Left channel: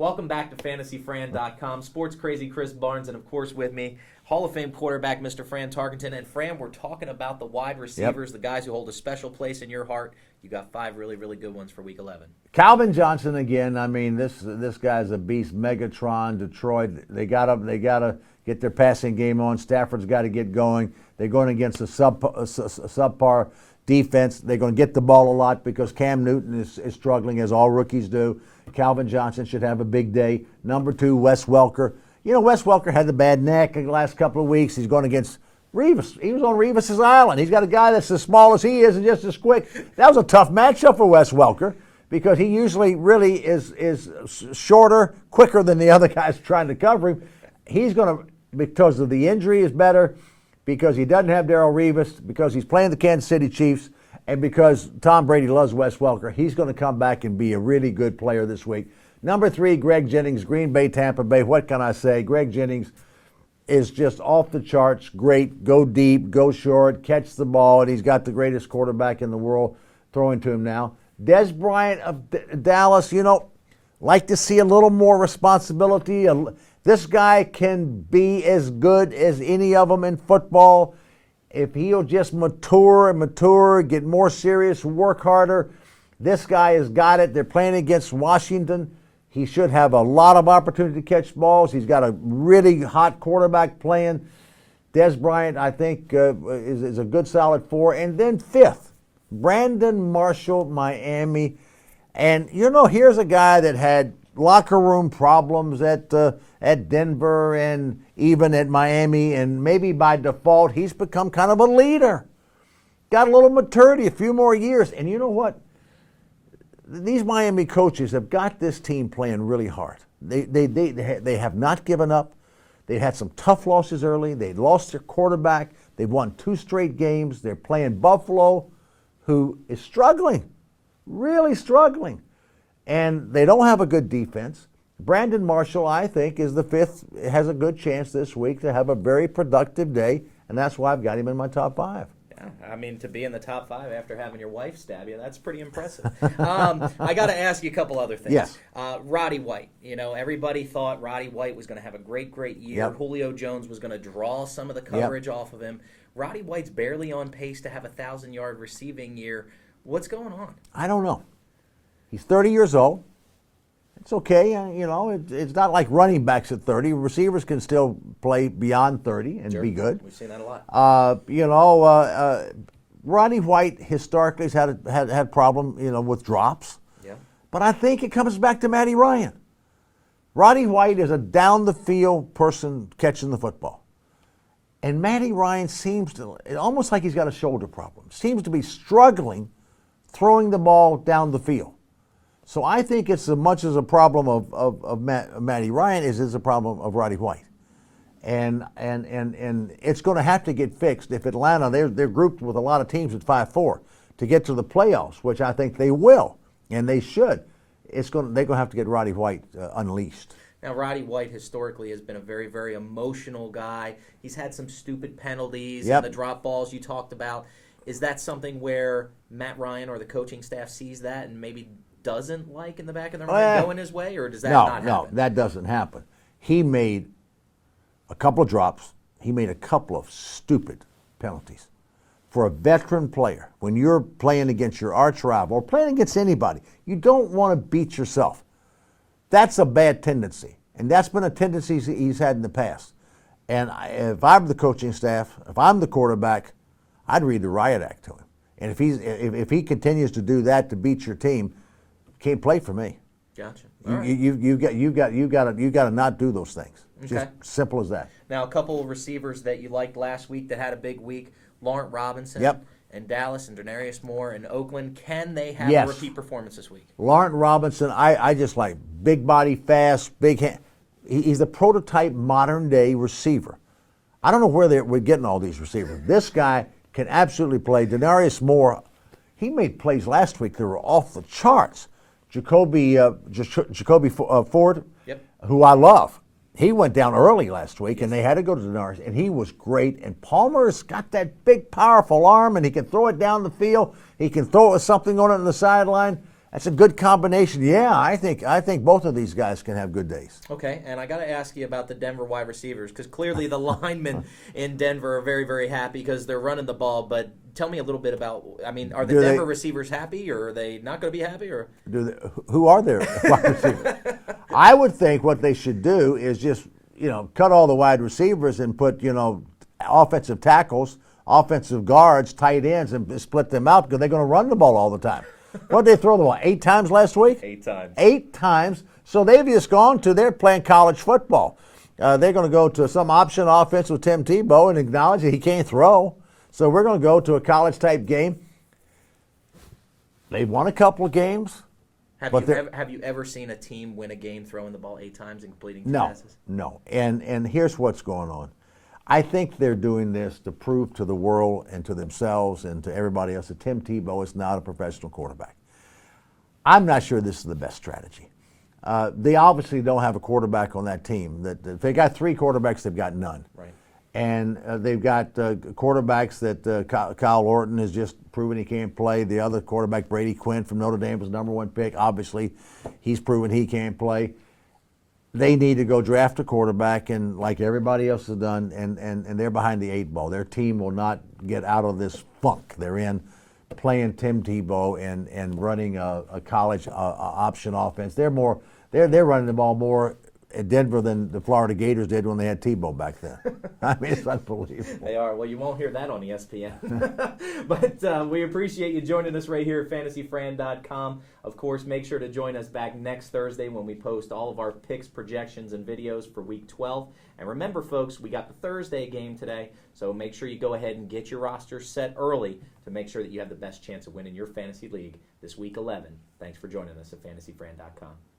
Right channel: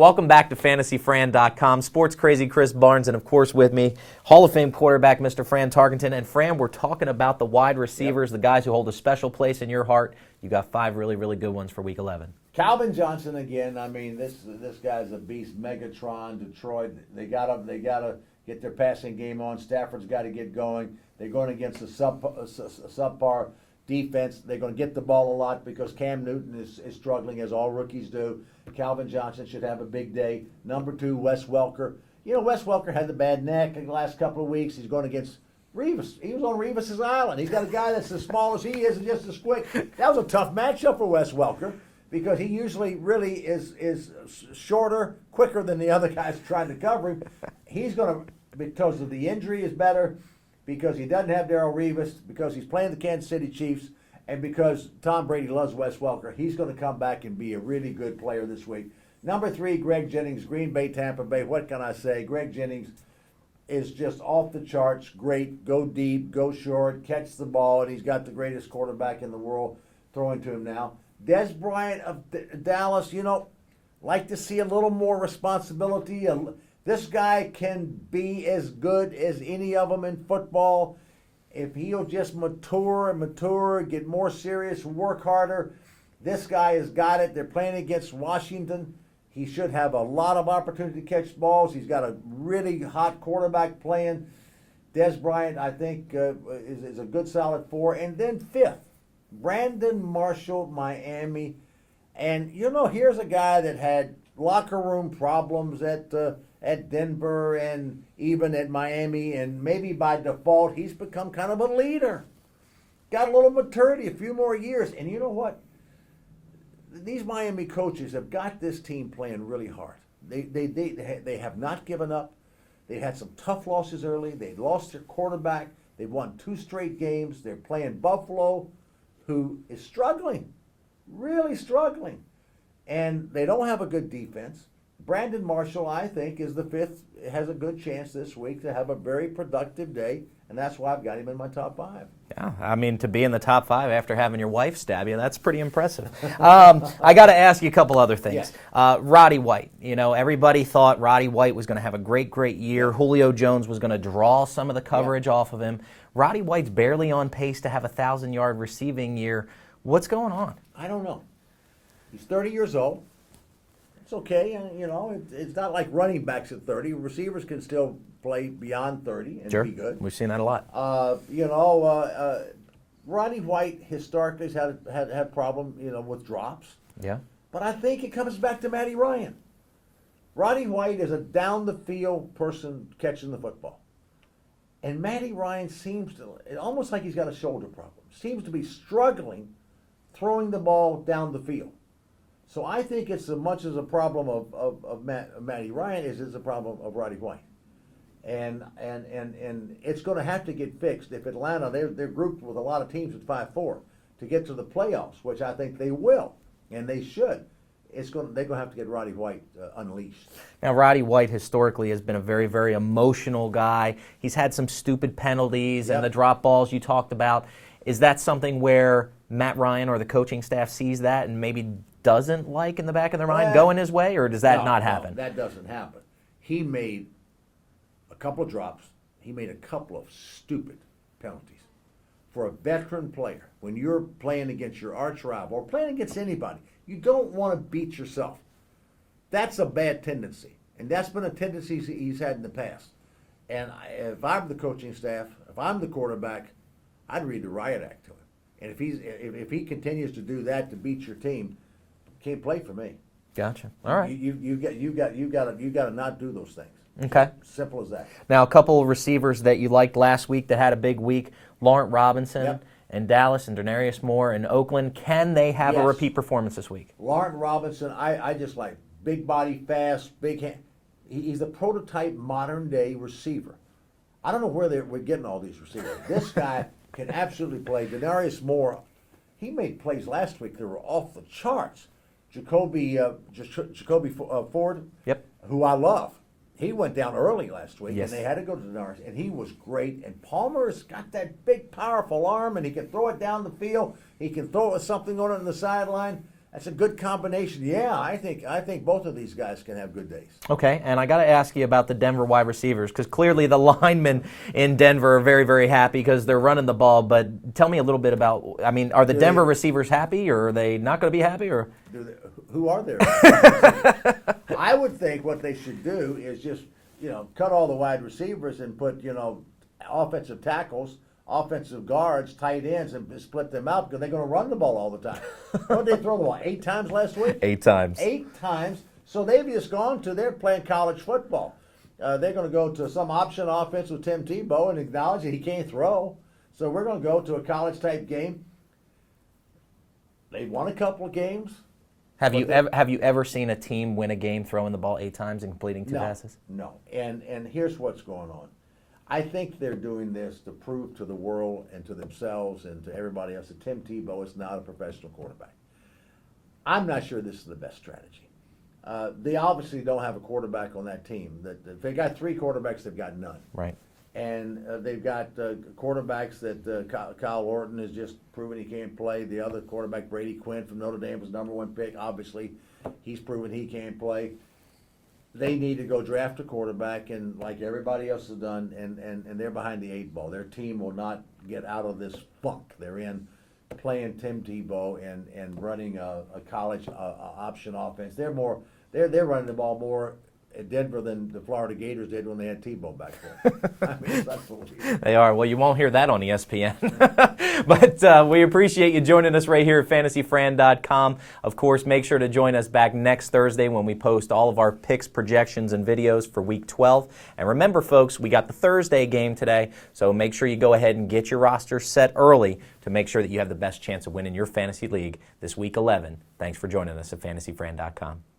Welcome back to FantasyFran.com. Sports crazy Chris Barnes, and of course with me, Hall of Fame quarterback Mr. Fran Tarkenton. And Fran, we're talking about the wide receivers, the guys who hold a special place in your heart. You got 5 really, really good ones for Week 11. Calvin Johnson again. I mean, this guy's a beast. Megatron, Detroit. They gotta get their passing game on. Stafford's got to get going. They're going against a subpar defense. They're going to get the ball a lot because Cam Newton is struggling, as all rookies do. Calvin Johnson should have a big day. Number 2, Wes Welker. You know, Wes Welker had the bad neck in the last couple of weeks. He's going against Revis. He was on Revis's island. He's got a guy that's as small as he is and just as quick. That was a tough matchup for Wes Welker because he usually really is shorter, quicker than the other guys trying to cover him. He's going to, because of the injury is better, because he doesn't have Darrelle Revis, because he's playing the Kansas City Chiefs, and because Tom Brady loves Wes Welker, he's going to come back and be a really good player this week. Number 3, Greg Jennings, Green Bay, Tampa Bay. What can I say? Greg Jennings is just off the charts, great, go deep, go short, catch the ball, and he's got the greatest quarterback in the world throwing to him now. Des Bryant of Dallas, you know, like to see a little more responsibility. This guy can be as good as any of them in football. If he'll just mature, get more serious, work harder, this guy has got it. They're playing against Washington. He should have a lot of opportunity to catch balls. He's got a really hot quarterback playing. Des Bryant, I think, is a good solid 4. And then 5th, Brandon Marshall, Miami. And, you know, here's a guy that had locker room problems at Denver and even at Miami, and maybe by default he's become kind of a leader. Got a little maturity, a few more years. And you know what? These Miami coaches have got this team playing really hard. They have not given up. They had some tough losses early. They lost their quarterback. They've won 2 straight games. They're playing Buffalo, who is struggling, really struggling. And they don't have a good defense. Brandon Marshall, I think, is the 5th, has a good chance this week to have a very productive day, and that's why I've got him in my top 5. Yeah, I mean, to be in the top 5 after having your wife stab you, that's pretty impressive. I got to ask you a couple other things. Yes. Roddy White, you know, everybody thought Roddy White was going to have a great year. Yep. Julio Jones was going to draw some of the coverage off of him. Roddy White's barely on pace to have a 1,000-yard receiving year. What's going on? I don't know. He's 30 years old. It's okay, you know. It's not like running backs at 30. Receivers can still play beyond 30 and be good. We've seen that a lot. Roddy White historically has had problem, you know, with drops. Yeah. But I think it comes back to Matty Ryan. Roddy White is a down the field person catching the football, and Matty Ryan seems to, almost like he's got a shoulder problem. Seems to be struggling throwing the ball down the field. So I think it's as much as a problem of Matty Ryan as it's a problem of Roddy White. And it's going to have to get fixed if Atlanta, they're grouped with a lot of teams at 5-4 to get to the playoffs, which I think they will, and they should. They're going to have to get Roddy White unleashed. Now, Roddy White historically has been a very, very emotional guy. He's had some stupid penalties and the drop balls you talked about. Is that something where Matt Ryan or the coaching staff sees that and maybe doesn't like in the back of their mind going his way, or does that not happen? No, that doesn't happen. He made a couple of drops. He made a couple of stupid penalties. For a veteran player, when you're playing against your arch rival or playing against anybody, you don't want to beat yourself. That's a bad tendency, and that's been a tendency he's had in the past. And if I'm the coaching staff, if I'm the quarterback, I'd read the riot act to him. And if he continues to do that to beat your team, can't play for me. Gotcha. All right. You've got to not do those things. Okay. Just simple as that. Now, a couple of receivers that you liked last week that had a big week: Laurent Robinson in Dallas and Denarius Moore in Oakland. Can they have a repeat performance this week? Laurent Robinson, I just like big body, fast, big hand. He's the prototype modern day receiver. I don't know where we're getting all these receivers. This guy can absolutely play. Denarius Moore, he made plays last week that were off the charts. Jacoby Ford, who I love, he went down early last week, and they had to go to Denarius, and he was great. And Palmer's got that big, powerful arm, and he can throw it down the field. He can throw it with something on it on the sideline. That's a good combination. Yeah, I think both of these guys can have good days. Okay, and I got to ask you about the Denver wide receivers, because clearly the linemen in Denver are very, very happy because they're running the ball. But tell me a little bit about, I mean, are the Denver receivers happy, or are they not going to be happy? Or who are their receivers? I would think what they should do is just, cut all the wide receivers and put, offensive tackles, offensive guards, tight ends, and split them out because they're going to run the ball all the time. What did they throw the ball? 8 times last week? 8 times. 8 times. So they've just they're playing college football. They're going to go to some option offense with Tim Tebow and acknowledge that he can't throw. So we're going to go to a college-type game. They've won a couple of games. Have you ever seen a team win a game throwing the ball 8 times and completing 2 passes? No. And here's what's going on. I think they're doing this to prove to the world and to themselves and to everybody else that Tim Tebow is not a professional quarterback. I'm not sure this is the best strategy. They obviously don't have a quarterback on that team. If they got 3 quarterbacks, they've got none. Right. And they've got quarterbacks that Kyle Orton has just proven he can't play. The other quarterback, Brady Quinn from Notre Dame, was #1 pick. Obviously, he's proven he can't play. They need to go draft a quarterback, and like everybody else has done, and they're behind the 8 ball. Their team will not get out of this funk they're in, playing Tim Tebow and running a college option offense. They're running the ball more at Denver than the Florida Gators did when they had Tebow back there. I mean, it's unbelievable. They are. Well, you won't hear that on ESPN. But we appreciate you joining us right here at FantasyFran.com. Of course, make sure to join us back next Thursday when we post all of our picks, projections, and videos for Week 12. And remember, folks, we got the Thursday game today, so make sure you go ahead and get your roster set early to make sure that you have the best chance of winning your fantasy league this Week 11. Thanks for joining us at FantasyFran.com.